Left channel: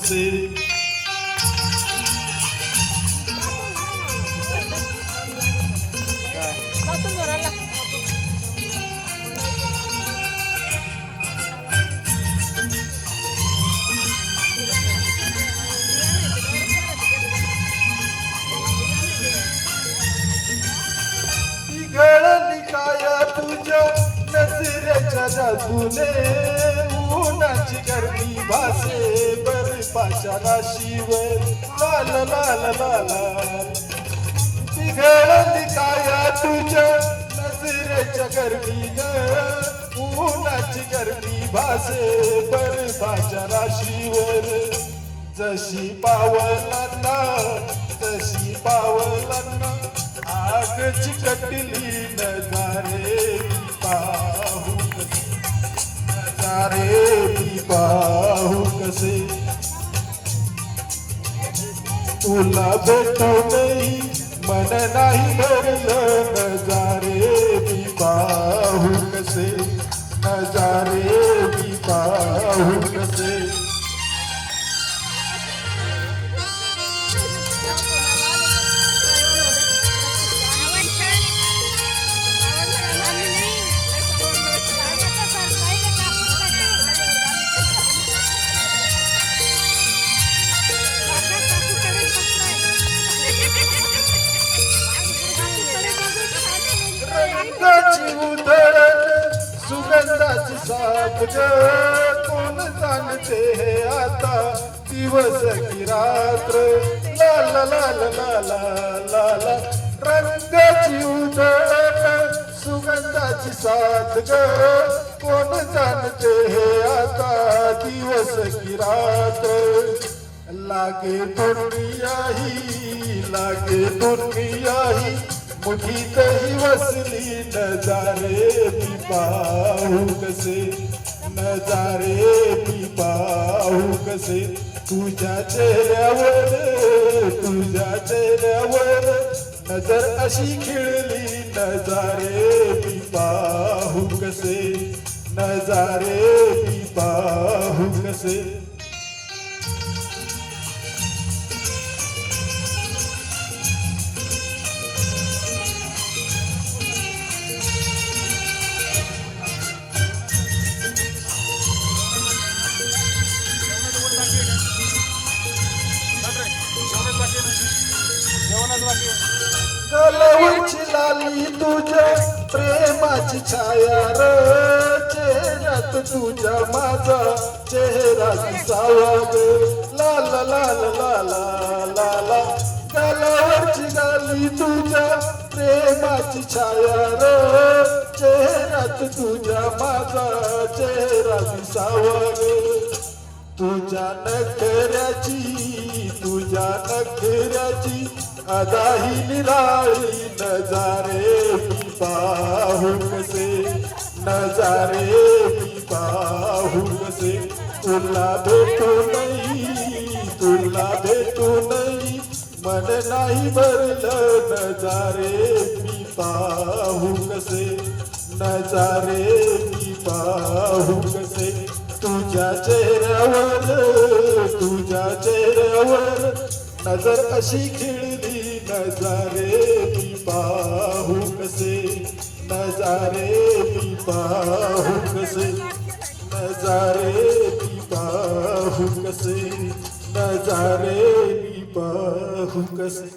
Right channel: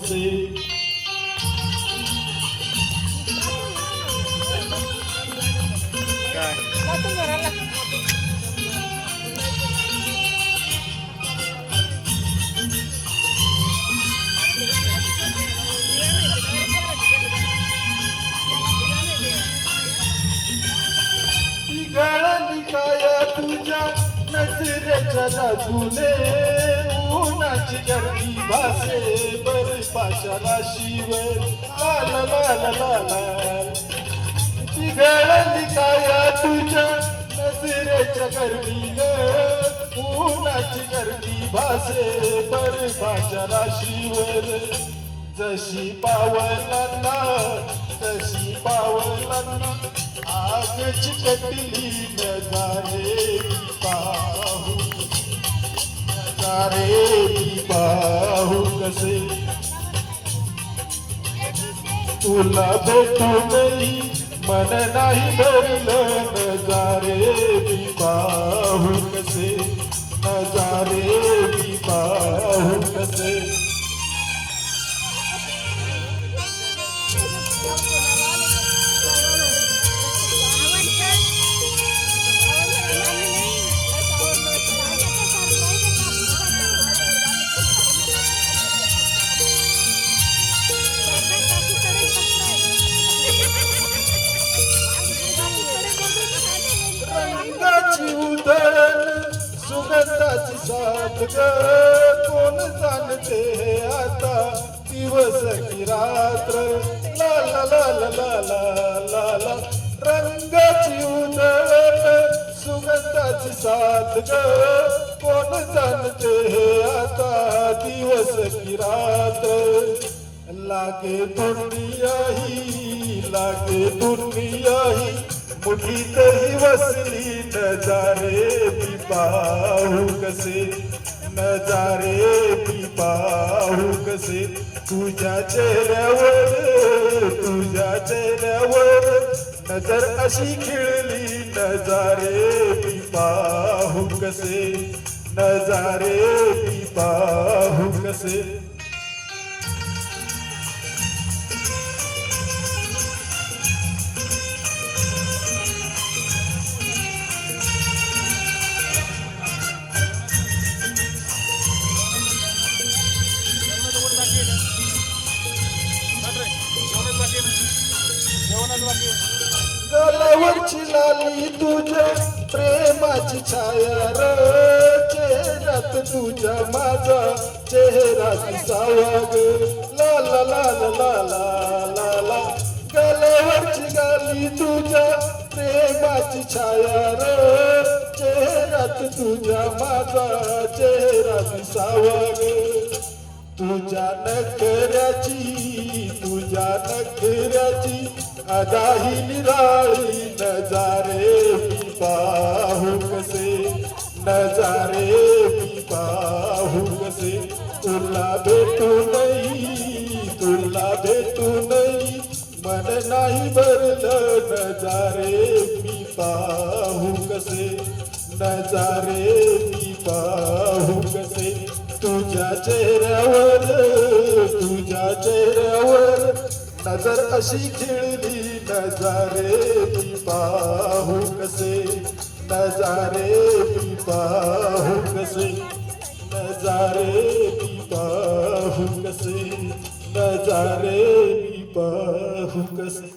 कसे. गळली काया तुझ्या नजरेच्या जादूने उन्हाची गर्दी भासे बर्फाच्या राशीवर लाल लाल लाल. ती गळली काया तुझ्या नजरेच्या गर्दीनं उन्हाची गर्दी भासे बर्फाच्या राशीवर. जशी पावलांना तशी पावलांना आग चिकटली नजारे पाहू नजारे पाहू कसे. तुला भेटूनही मन नाही भरलं नजारे पाहू कसे नजारे पाहू कसे. रंगाची उधळण सुगंधाची साथ ग कोण जाणते हे आता दिवस की रात्र ला ला ला ला ला ला ला. रंगाची उधळण सुगंधाची साथ ग कोण जाणते हे आता दिवस की रात्र. लागे दुनिया ही मुठीतही वसली नजारे पाहू कसे नजारे पाहू कसे. तुझ्या चेहऱ्यावर नजर अशी खिळली नजारे पाहू कसे नजारे पाहू कसे. गलावरची लाली तुझ्या प्रेमाची छाया र चेहऱ्यात तुझ्या माझा चेहरा दिसावा ग ला ला ला ला ला ला ला. गलावरची लाली तुझ्या प्रेमाची छाया र चेहऱ्यात तुझ्या माझा चेहरा दिसावा ग. तुझ्या नखऱ्याची आगाही निराळी नजारे पाहू कसे नजारे पाहू कसे. तुला भेटूनही मन नाही भरलं नजारे पाहू कसे नजारे पाहू कसे. तुझ्या चेहऱ्यावर नजर अशी खिळली नजारे पाहू कसे नजारे पाहू कसे नजारे पाहू कसे नजारे पाहू कसे.